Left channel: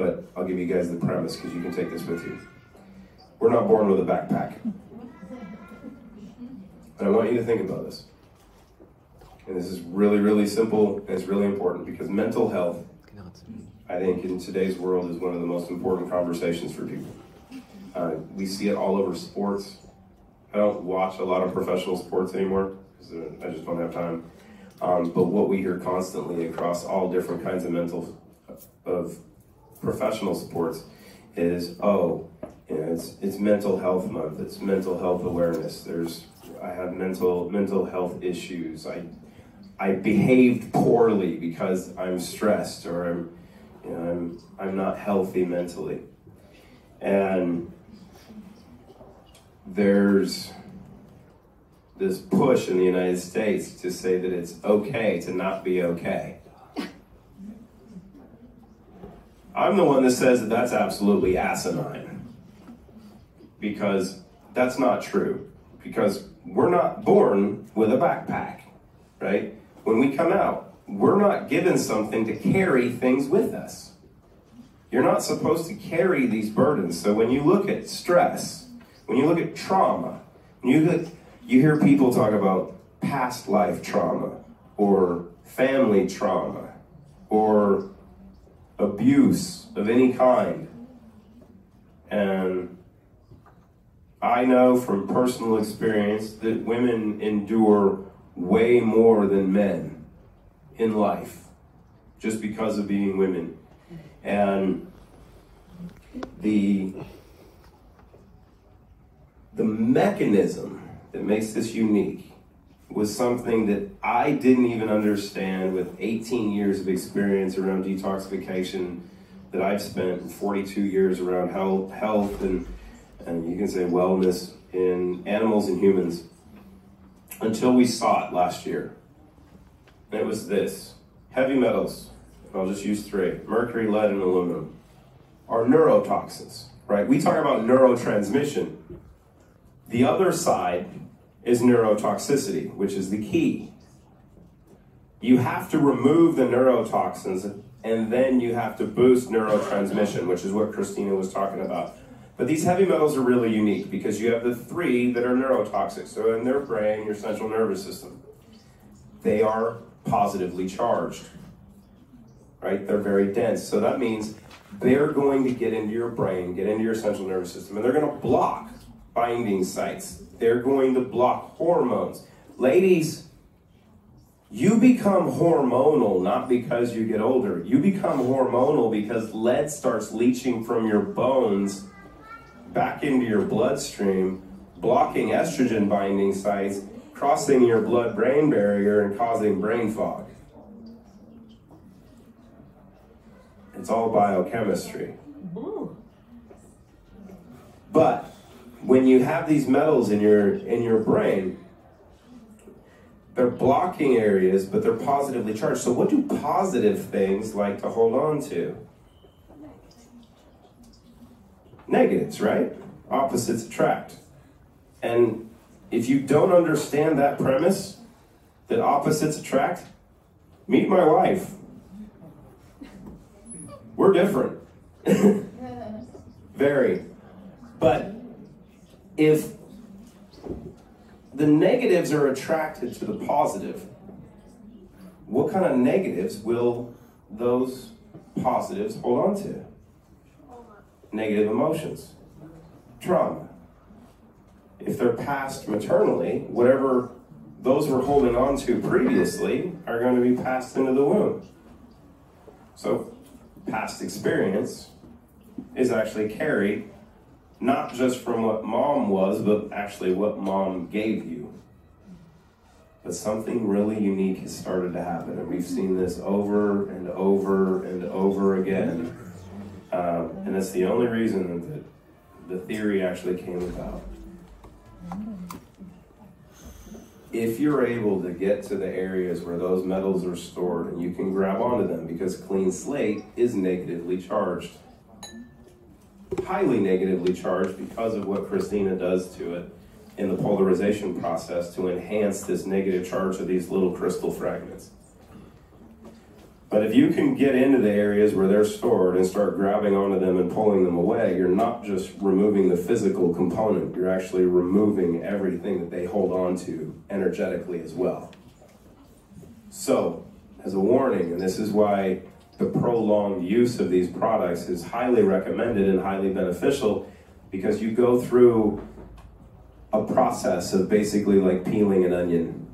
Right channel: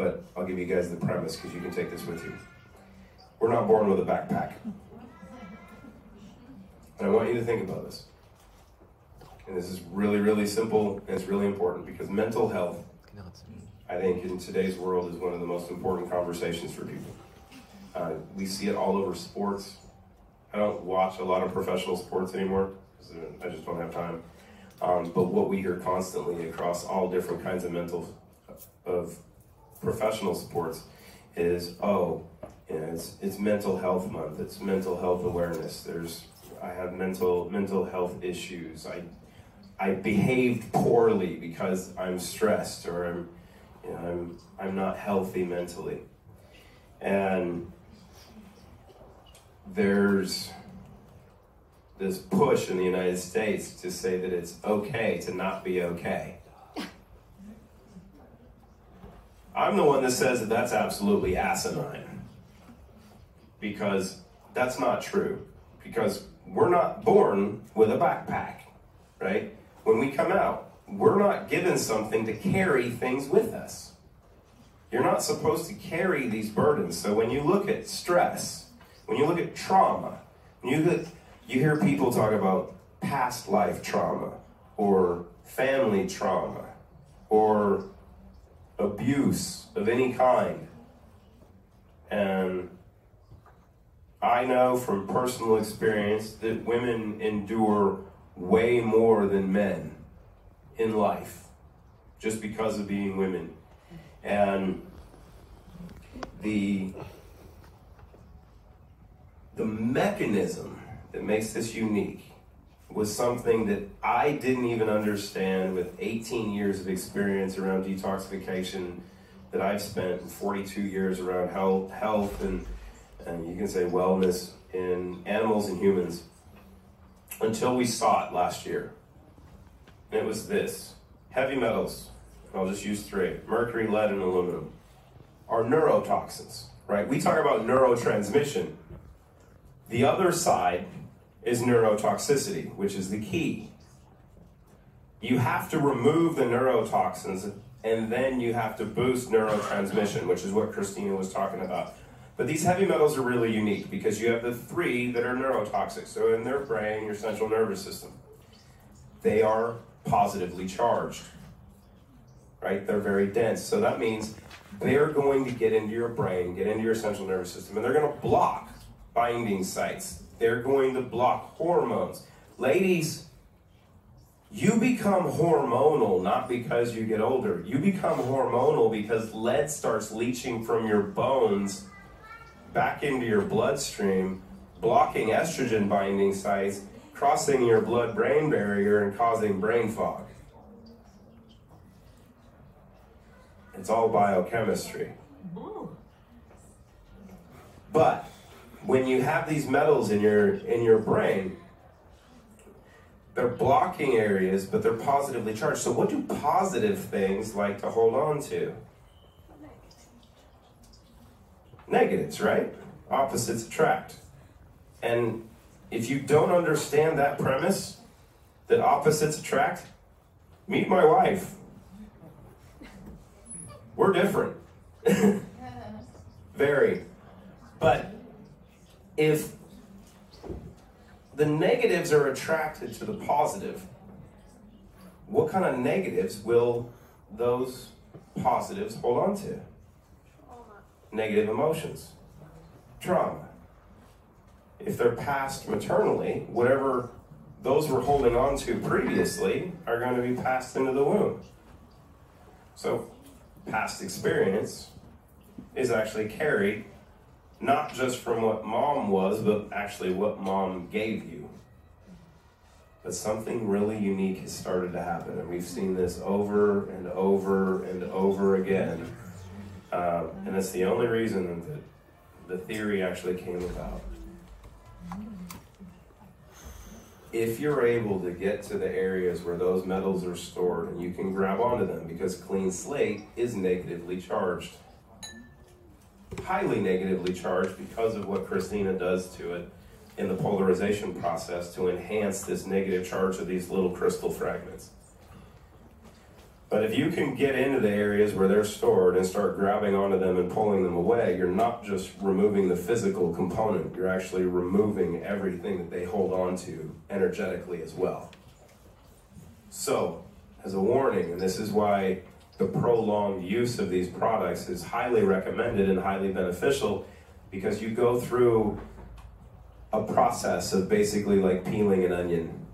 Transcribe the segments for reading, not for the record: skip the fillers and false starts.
but I'll give you guys the premise because you can take this with you. We're not born with a backpack. And I want you to think about this. And this is really, really simple, and it's really important because mental health, I think, in today's world is one of the most important conversations for people. We see it all over sports. I don't watch a lot of professional sports anymore because I just don't have time. But what we hear constantly across all different kinds of professional sports is, oh, you know, it's mental health month. It's mental health awareness. I have mental health issues. I behaved poorly because I'm stressed, or I'm not healthy mentally. And there's this push in the United States to say that it's okay to not be okay. I'm the one that says that that's absolutely asinine, because that's not true, because we're not born with a backpack, right? When we come out, we're not given something to carry things with us. You're not supposed to carry these burdens. So when you look at stress, when you look at trauma, you hear people talk about past life trauma, or family trauma, or abuse of any kind. And I know from personal experience that women endure way more than men in life, just because of being women. And the mechanism that makes this unique was something that I didn't even understand with 18 years of experience around detoxification, that I've spent 42 years around health and you can say wellness in animals and humans, until we saw it last year. And it was this: heavy metals, and I'll just use three: mercury, lead, and aluminum, are neurotoxins, right? We talk about neurotransmission. The other side is neurotoxicity, which is the key. You have to remove the neurotoxins, and then you have to boost neurotransmission, which is what Christina was talking about. But these heavy metals are really unique because you have the three that are neurotoxic. So in their brain, your central nervous system, they are positively charged, right? They're very dense. So that means they're going to get into your brain, get into your central nervous system, and they're going to block binding sites. They're going to block hormones. Ladies, you become hormonal not because you get older. You become hormonal because lead starts leaching from your bones back into your bloodstream, blocking estrogen binding sites, crossing your blood-brain barrier and causing brain fog. It's all biochemistry. But when you have these metals in your brain, they're blocking areas, but they're positively charged. So what do positive things like to hold on to? Negatives, right? Opposites attract. And if you don't understand that premise, that opposites attract, meet my wife. We're different. Very. But if the negatives are attracted to the positive, what kind of negatives will those positives hold on to? Negative emotions, trauma. If they're passed maternally, whatever those were holding on to previously are going to be passed into the womb. So past experience is actually carried not just from what mom was, but actually what mom gave you. But something really unique has started to happen, and we've seen this over and over and over again. And that's the only reason that the theory actually came about. If you're able to get to the areas where those metals are stored, and you can grab onto them, because clean slate is negatively charged. Highly negatively charged because of what Christina does to it in the polarization process to enhance this negative charge of these little crystal fragments. But if you can get into the areas where they're stored and start grabbing onto them and pulling them away, you're not just removing the physical component, you're actually removing everything that they hold on to energetically as well. So, as a warning, and this is why the prolonged use of these products is highly recommended and highly beneficial, because you go through a process of basically like peeling an onion.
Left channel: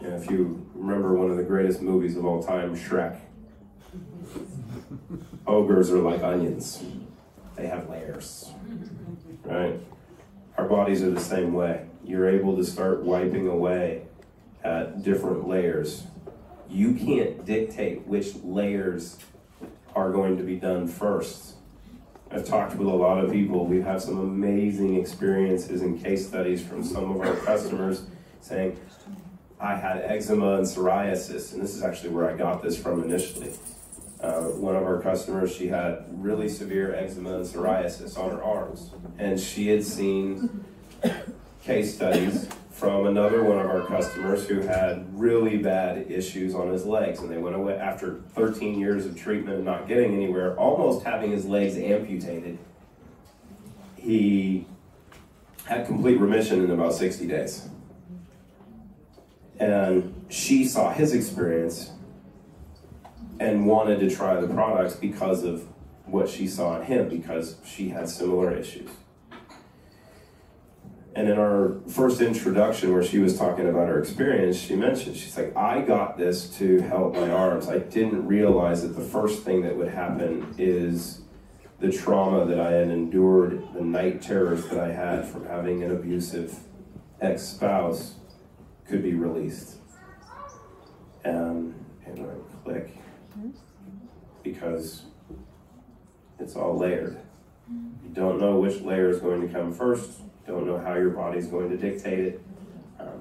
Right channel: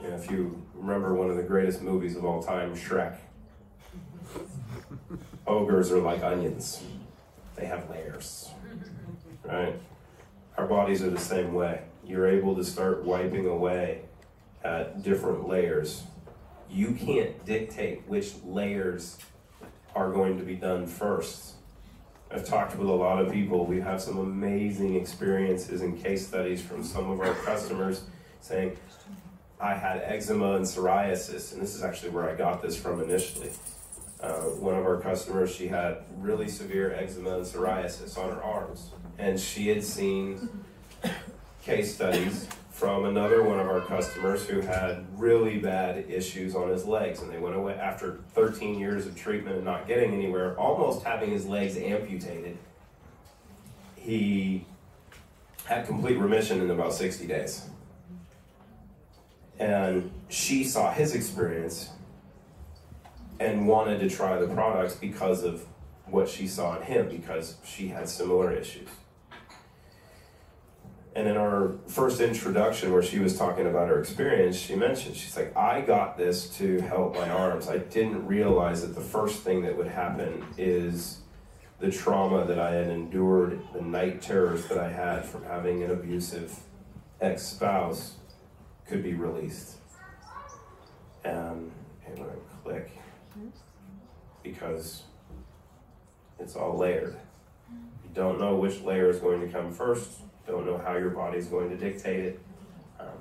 You know, if you remember one of the greatest movies of all time, Shrek. Ogres are like onions. They have layers, right? Our bodies are the same way. You're able to start wiping away at different layers. You can't dictate which layers are going to be done first. I've talked with a lot of people. We've had some amazing experiences and case studies from some of our customers saying, I had eczema and psoriasis, and this is actually where I got this from initially. One of our customers, she had really severe eczema and psoriasis on her arms, and she had seen case studies from another one of our customers who had really bad issues on his legs, and they went away after 13 years of treatment and not getting anywhere, almost having his legs amputated. He had complete remission in about 60 days. And she saw his experience and wanted to try the products because of what she saw in him, because she had similar issues. And in our first introduction where she was talking about her experience, she mentioned, she's like, I got this to help my arms. I didn't realize that the first thing that would happen is the trauma that I had endured, the night terrors that I had from having an abusive ex-spouse could be released. And I'm going to click because it's all layered. You don't know which layer is going to come first. You don't know how your body's going to dictate it.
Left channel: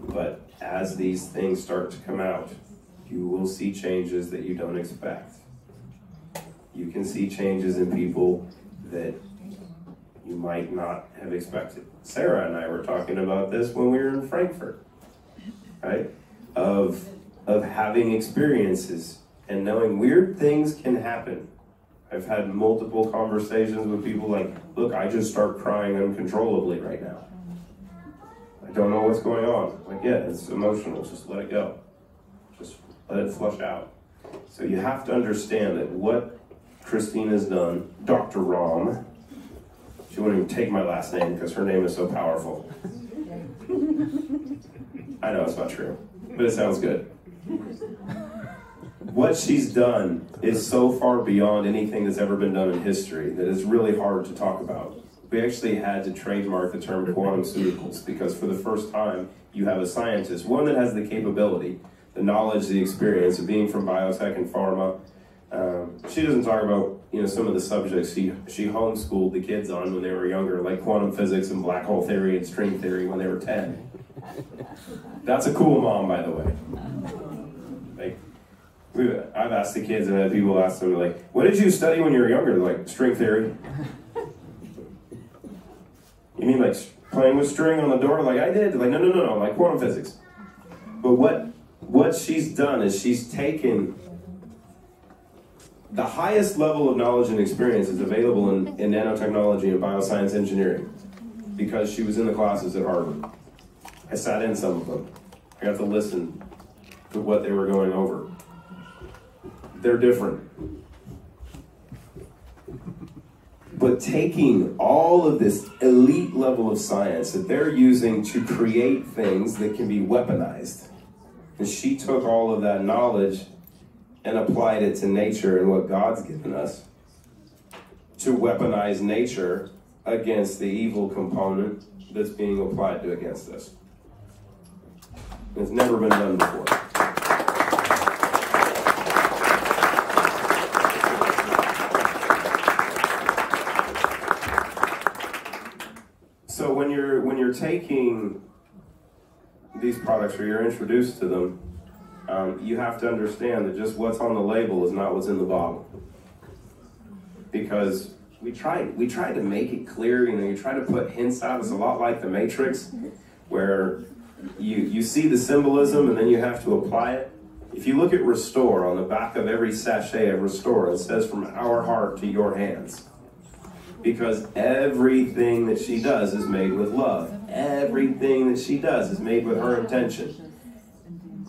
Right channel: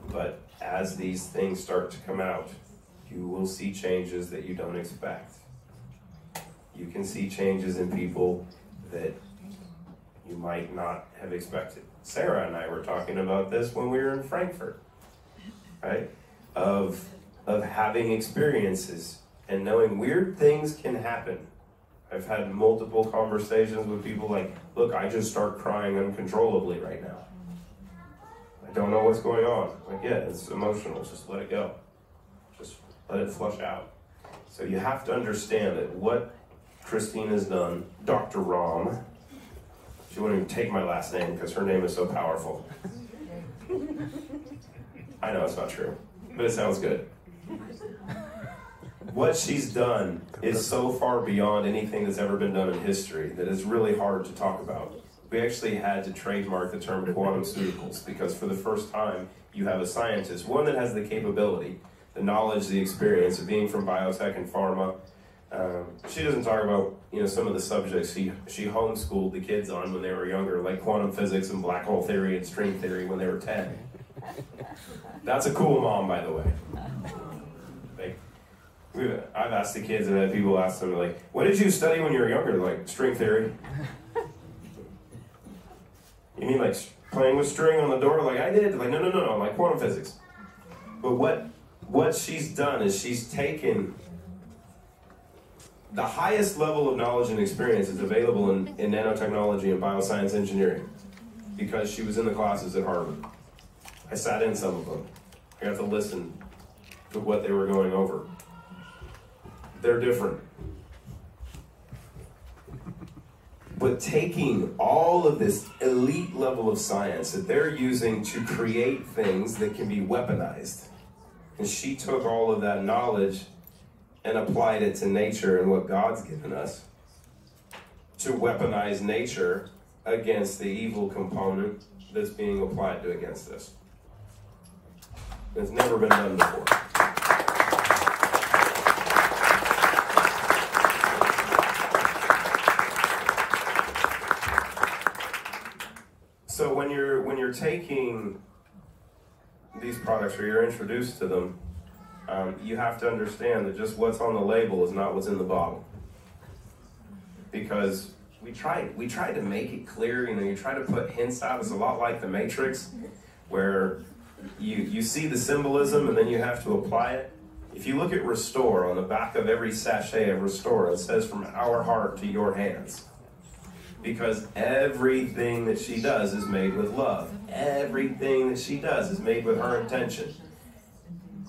But as these things start to come out, you will see changes that you don't expect. You can see changes in people that you might not have expected. Sarah and I were talking about this when we were in Frankfurt, right? Of having experiences and knowing weird things can happen. I've had multiple conversations with people like, look, I just start crying uncontrollably right now. I don't know what's going on. Like, yeah, it's emotional, just let it go. Just let it flush out. So you have to understand that what Christina's done, Dr. Rahm, she won't even take my last name because her name is so powerful. I know it's not true, but it sounds good. What she's done is so far beyond anything that's ever been done in history that it's really hard to talk about. We actually had to trademark the term quantumceuticals because for the first time you have a scientist, one that has the capability, the knowledge, the experience of being from biotech and pharma. She doesn't talk about some of the subjects she homeschooled the kids on when they were younger, like quantum physics and black hole theory and string theory when they were 10. That's a cool mom, by the way. I've asked the kids, and had people ask them, like, what did you study when you were younger? Like, string theory. You mean like playing with string on the door? Like I did? Like, no, like quantum physics. But what she's done is she's taken the highest level of knowledge and experience is available in nanotechnology and bioscience engineering because she was in the classes at Harvard. I sat in some of them. I got to listen to what they were going over. They're different. But taking all of this elite level of science that they're using to create things that can be weaponized. And she took all of that knowledge and applied it to nature and what God's given us to weaponize nature against the evil component that's being applied to against us. It's never been done before. So when you're taking these products or you're introduced to them, you have to understand that just what's on the label is not what's in the bottle. Because we tried to make it clear, you try to put hints out. It's a lot like the Matrix, where you see the symbolism and then you have to apply it. If you look at Restore, on the back of every sachet of Restore, it says from our heart to your hands. Because everything that she does is made with love. Everything that she does is made with her intention.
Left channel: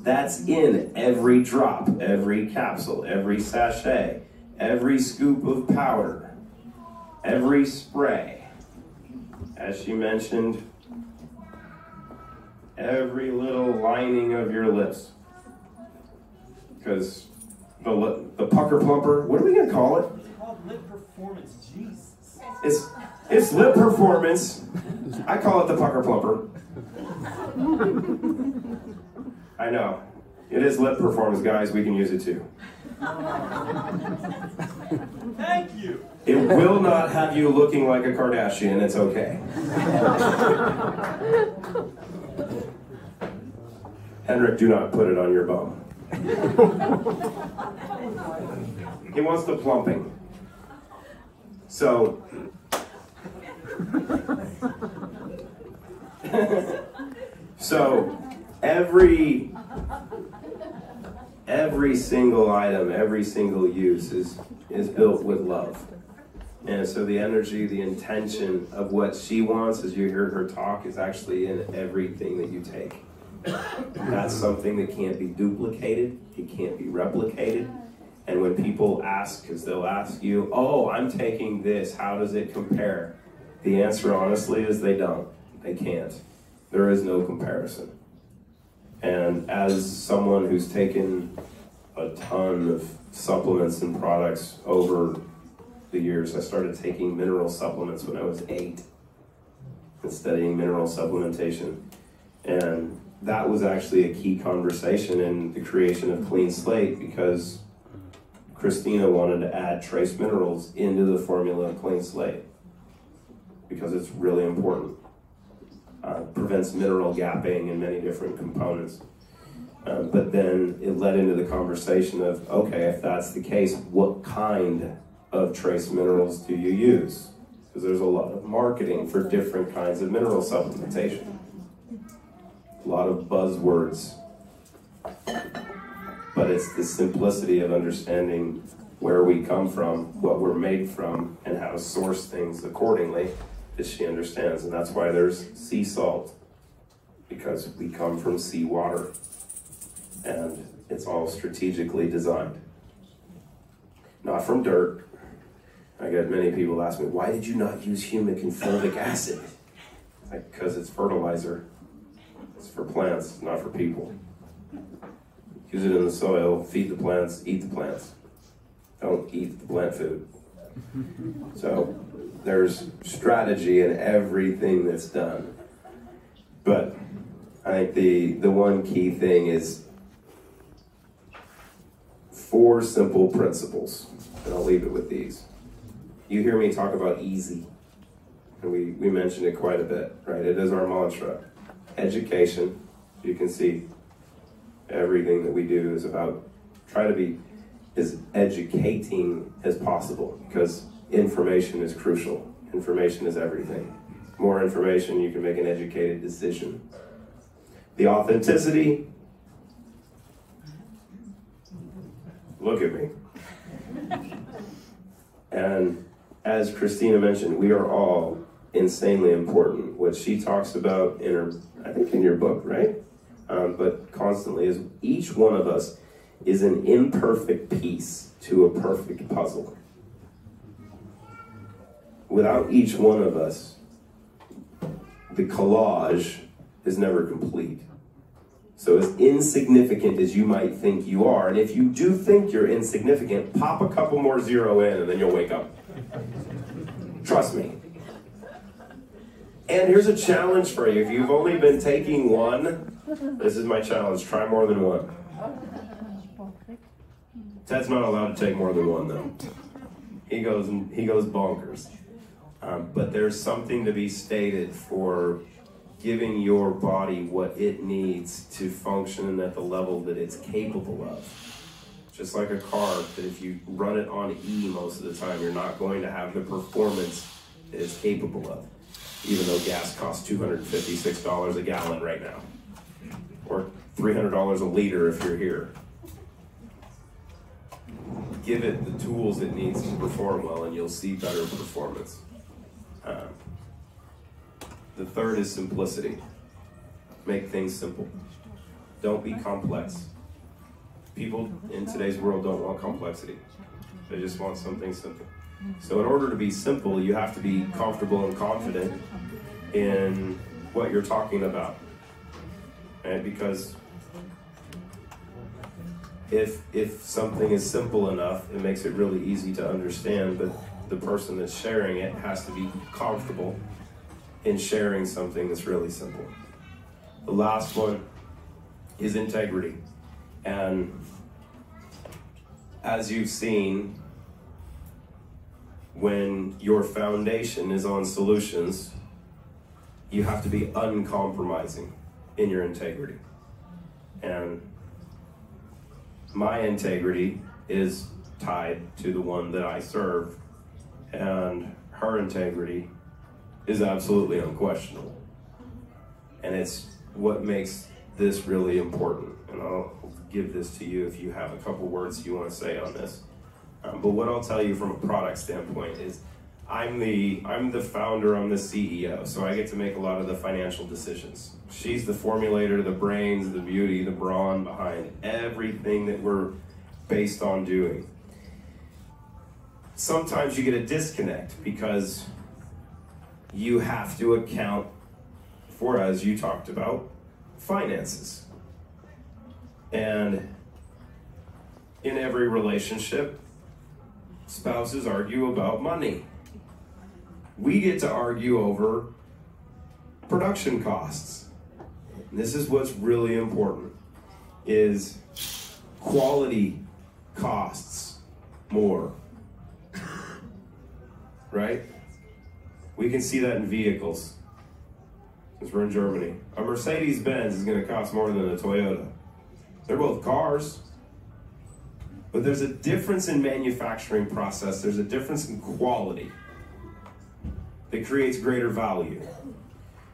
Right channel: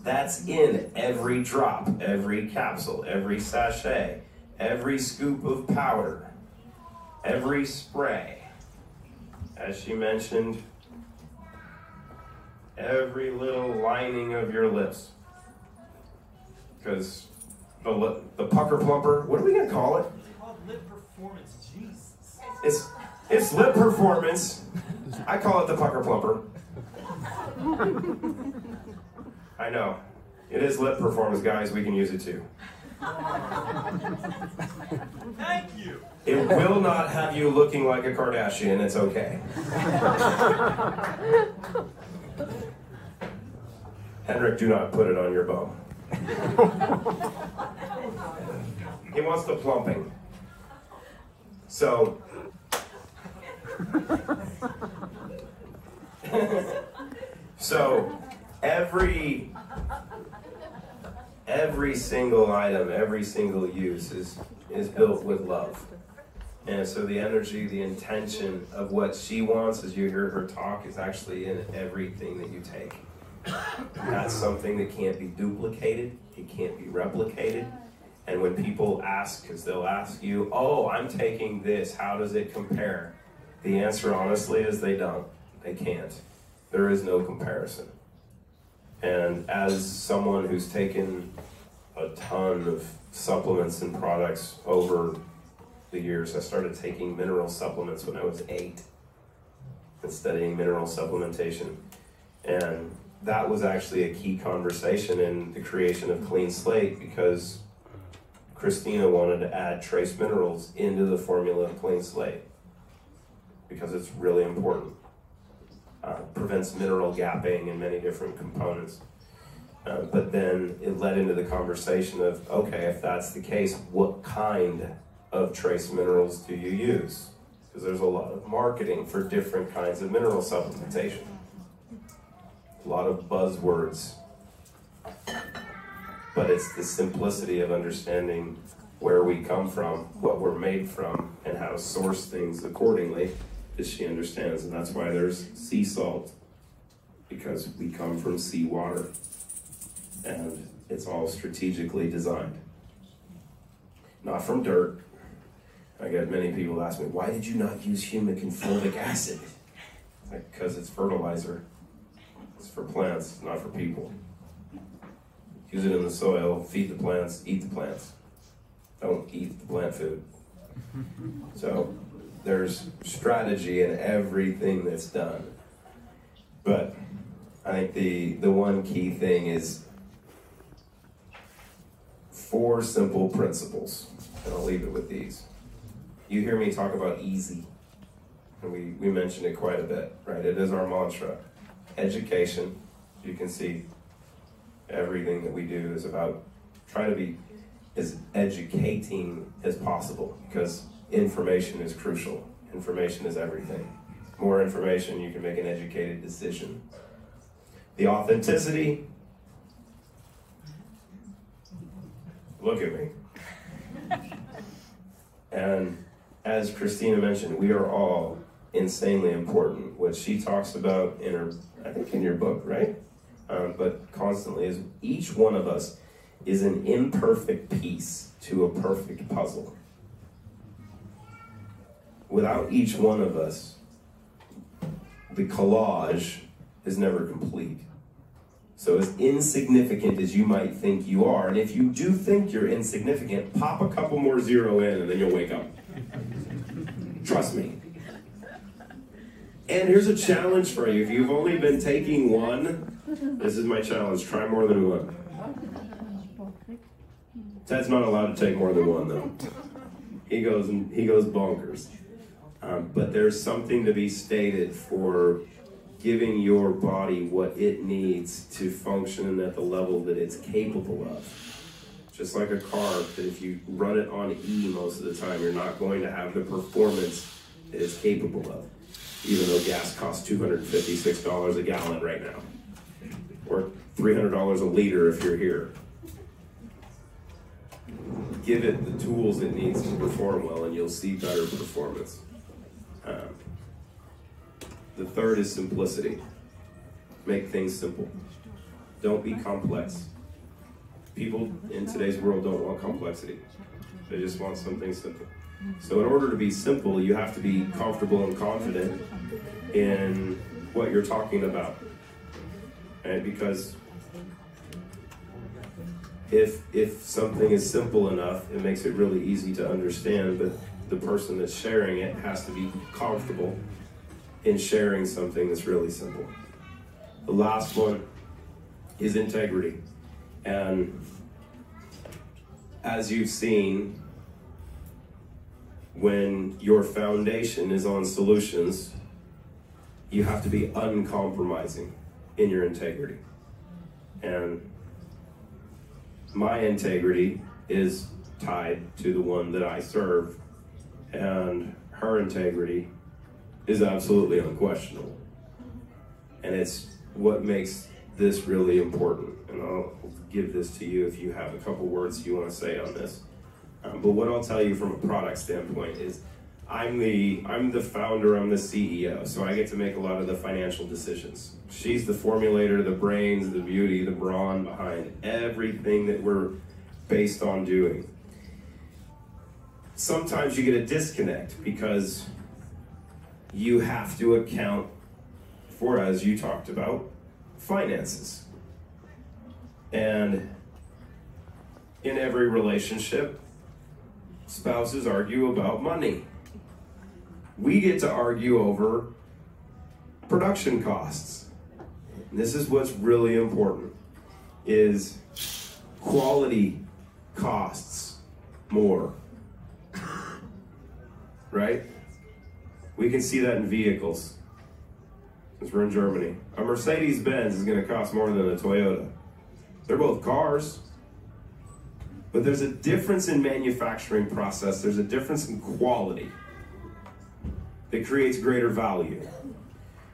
That's in every drop, every capsule, every sachet, every scoop of powder, every spray. As she mentioned, every little lining of your lips. Because the pucker plumper, what are we going to call it? It's called lip performance. Jesus. It's lip performance. I call it the pucker plumper. I know. It is lip performance, guys. We can use it too. Thank you. It will not have you looking like a Kardashian. It's okay. Henrik, do not put it on your bum. He wants the plumping. So, every single item, every single use is built with love. And so the energy, the intention of what she wants, as you hear her talk, is actually in everything that you take. That's something that can't be duplicated, it can't be replicated. And when people ask, because they'll ask you, oh, I'm taking this, how does it compare? The answer, honestly, is they don't. They can't. There is no comparison. And as someone who's taken a ton of supplements and products over the years, I started taking mineral supplements when I was 8 and studying mineral supplementation. And that was actually a key conversation in the creation of Clean Slate, because Christina wanted to add trace minerals into the formula of Clean Slate because it's really important. Prevents mineral gapping in many different components. But then it led into the conversation of, okay, if that's the case, what kind of trace minerals do you use? Because there's a lot of marketing for different kinds of mineral supplementation. A lot of buzzwords. But it's the simplicity of understanding where we come from, what we're made from, and how to source things accordingly that she understands. And that's why there's sea salt, because we come from sea water. And it's all strategically designed. Not from dirt. I get many people ask me, why did you not use humic and fulvic acid? Because it's fertilizer. It's for plants, not for people. Use it in the soil, feed the plants, eat the plants. Don't eat the plant food. So there's strategy in everything that's done. But I think the one key thing is 4 simple principles, and I'll leave it with these. You hear me talk about easy, and we mentioned it quite a bit, right? It is our mantra. Education, you can see everything that we do is about try to be as educating as possible, because information is crucial. Information is everything. More information, you can make an educated decision. The authenticity, look at me. And as Christina mentioned, we are all insanely important. What she talks about in her, I think in your book, right? But constantly is each one of us is an imperfect piece to a perfect puzzle. Without each one of us, the collage is never complete. So as insignificant as you might think you are, and if you do think you're insignificant, pop a couple more 0 in and then you'll wake up. Trust me. And here's a challenge for you. If you've only been taking one, this is my challenge. Try more than one. Ted's not allowed to take more than one, though. He goes bonkers. But there's something to be stated for giving your body what it needs to function at the level that it's capable of. Just like a car, that if you run it on E most of the time, you're not going to have the performance that it's capable of. Even though gas costs $256 a gallon right now. Or $300 a liter if you're here. give it the tools it needs to perform well, and you'll see better performance. The third is simplicity. Make things simple. Don't be complex. People in today's world don't want complexity. They just want something simple. So in order to be simple, you have to be comfortable and confident in what you're talking about. Right? Because if something is simple enough, it makes it really easy to understand, but the person that's sharing it has to be comfortable in sharing something that's really simple. The last one is integrity. And as you've seen, when your foundation is on solutions, you have to be uncompromising in your integrity. And my integrity is tied to the one that I serve, and her integrity is absolutely unquestionable. And it's what makes this really important. And I'll give this to you if you have a couple words you want to say on this. But what I'll tell you from a product standpoint is I'm the founder, I'm the CEO, so I get to make a lot of the financial decisions. She's the formulator, the brains, the beauty, the brawn behind everything that we're based on doing. Sometimes you get a disconnect because you have to account for, as you talked about, finances. And in every relationship, spouses argue about money. We get to argue over production costs. And this is what's really important, is quality costs more, right? We can see that in vehicles, since we're in Germany. A Mercedes-Benz is going to cost more than a Toyota. They're both cars, but there's a difference in manufacturing process. There's a difference in quality that creates greater value.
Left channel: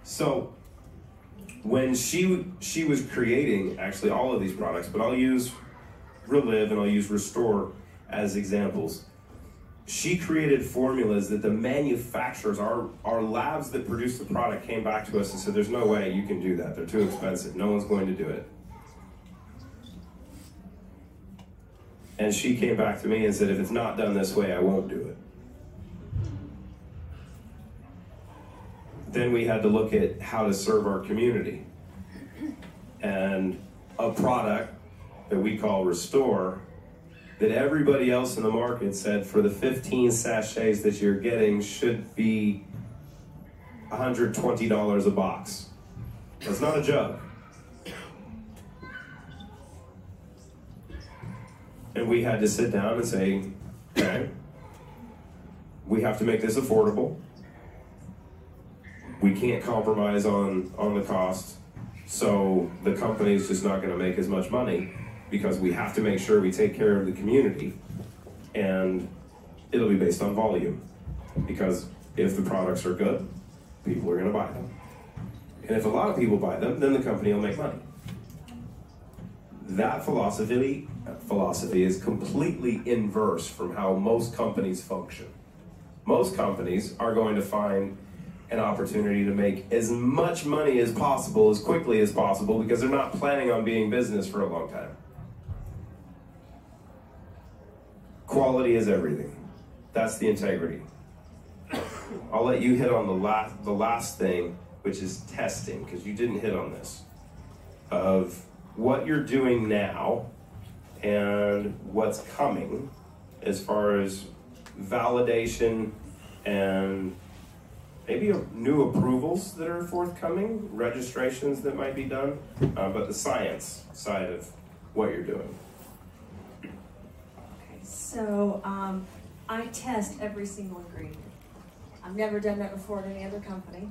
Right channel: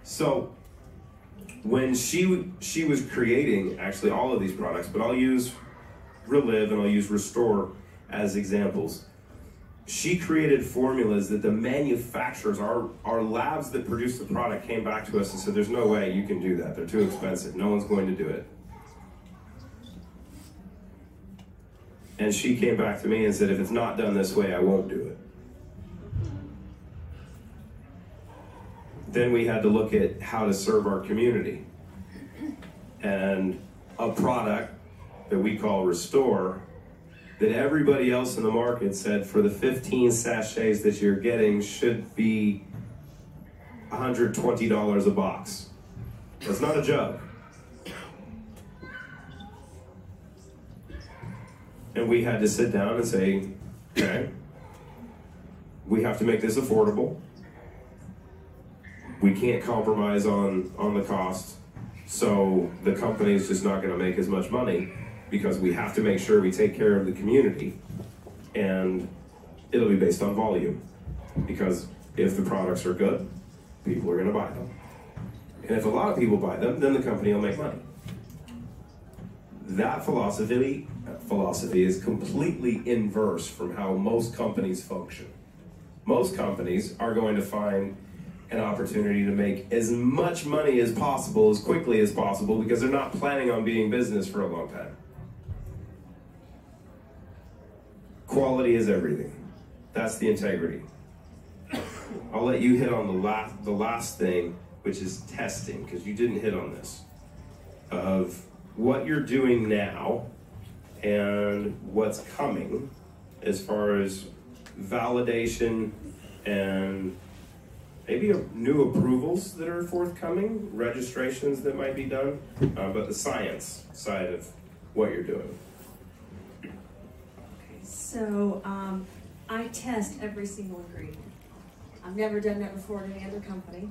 So when she was creating actually all of these products, but I'll use Relive and I'll use Restore as examples. She created formulas that the manufacturers, our labs that produce the product, came back to us and said, there's no way you can do that. They're too expensive. No one's going to do it. And she came back to me and said, if it's not done this way, I won't do it. Then we had to look at how to serve our community. And a product that we call Restore, that everybody else in the market said for the 15 sachets that you're getting should be $120 a box. That's not a joke. And we had to sit down and say, okay, we have to make this affordable. We can't compromise on the cost. So the company is just not going to make as much money because we have to make sure we take care of the community. And it'll be based on volume. Because if the products are good, people are going to buy them. And if a lot of people buy them, then the company will make money. That philosophy is completely inverse from how most companies function. Most companies are going to find an opportunity to make as much money as possible, as quickly as possible, because they're not planning on being business for a long time. Quality is everything. That's the integrity. I'll let you hit on the last thing, which is testing, because you didn't hit on this, of what you're doing now and what's coming as far as validation and maybe new approvals that are forthcoming, registrations that might be done, but the science side of what you're doing. Okay, so I test every single ingredient. I've never done that before at any other company.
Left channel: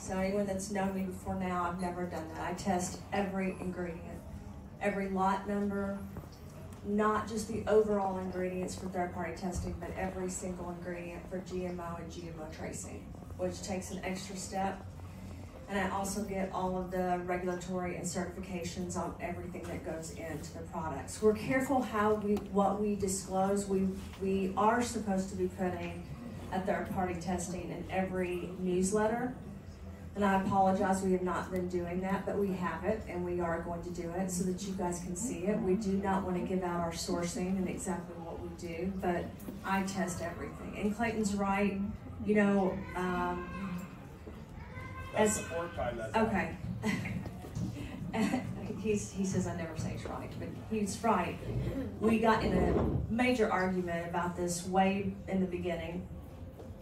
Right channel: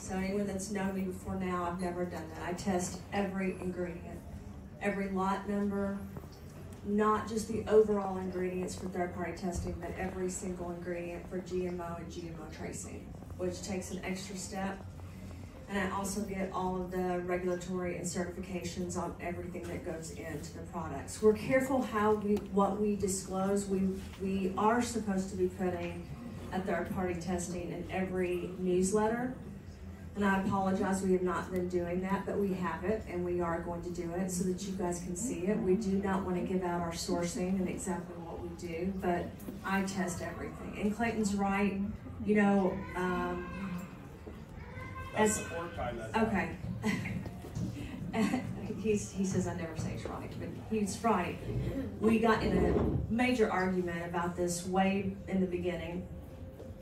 So anyone that's known me before now, I've never done that. I test every ingredient, every lot number, not just the overall ingredients for third-party testing, but every single ingredient for GMO and GMO tracing, which takes an extra step. And I also get all of the regulatory and certifications on everything that goes into the products. We're careful what we disclose. We are supposed to be putting a third-party testing in every newsletter. And I apologize, we have not been doing that, but we have it, and we are going to do it so that you guys can see it. We do not want to give out our sourcing and exactly what we do, but I test everything. And Clayton's right, you know, That's the fourth time that's okay. He says I never say it's right, but he's right. We got in a major argument about this way in the beginning,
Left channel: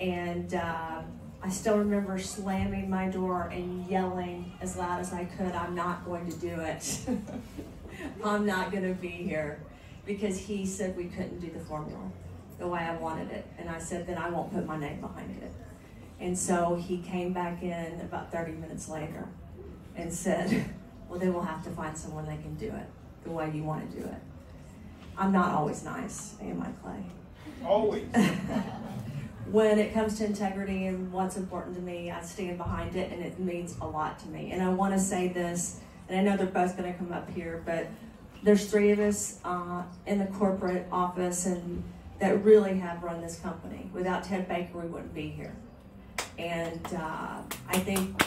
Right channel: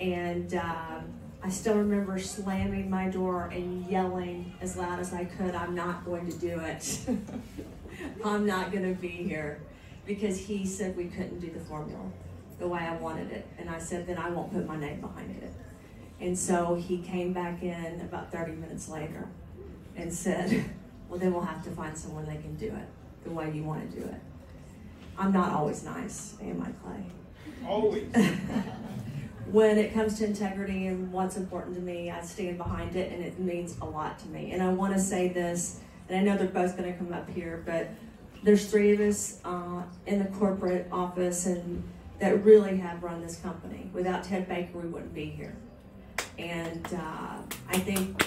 and I still remember slamming my door and yelling as loud as I could, I'm not going to do it. I'm not going to be here. Because he said we couldn't do the formula the way I wanted it. And I said, then I won't put my name behind it. And so he came back in about 30 minutes later and said, well, then we'll have to find someone that can do it the way you want to do it. I'm not always nice, am I, Clay? Always. When it comes to integrity and what's important to me, I stand behind it, and it means a lot to me. And I want to say this, and I know they're both going to come up here, but there's 3 of us in the corporate office and that really have run this company. Without Ted Baker, we wouldn't be here. And I think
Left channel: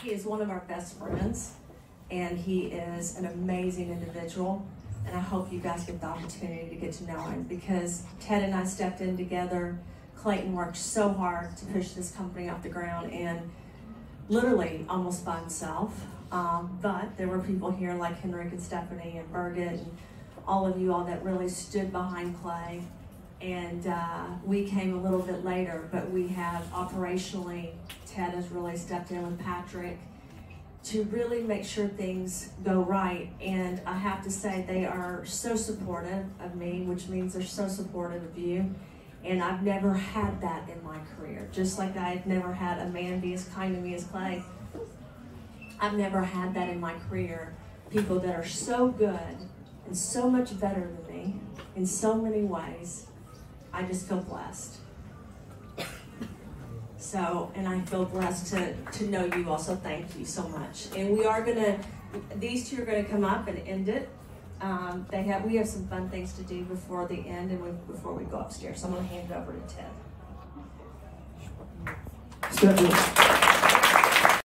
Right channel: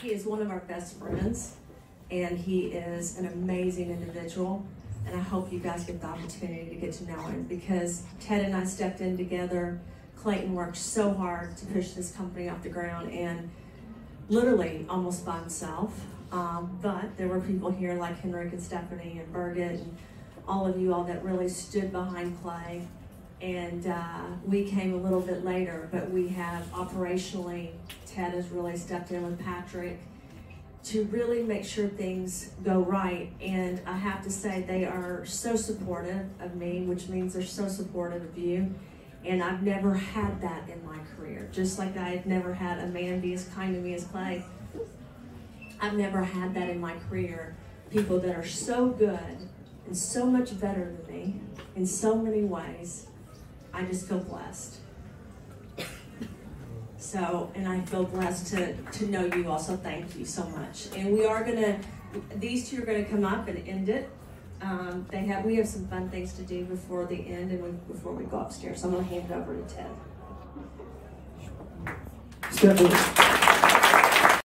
he is one of our best friends. And he is an amazing individual, and I hope you guys get the opportunity to get to know him, because Ted and I stepped in together. Clayton worked so hard to push this company off the ground, and literally almost by himself. But there were people here like Henrik and Stephanie and Birgit and all of you all that really stood behind Clay. And we came a little bit later, but we have operationally, Ted has really stepped in with Patrick to really make sure things go right. And I have to say, they are so supportive of me, which means they're so supportive of you. And I've never had that in my career. Just like I've never had a man be as kind to me as Clay. I've never had that in my career. People that are so good and so much better than me in so many ways. I just feel blessed. So, and I feel blessed to know you all, so thank you so much. And we are gonna, these 2 are gonna come up and end it. We have some fun things to do before the end and before we go upstairs. So I'm gonna hand it over to Ted. Stephanie.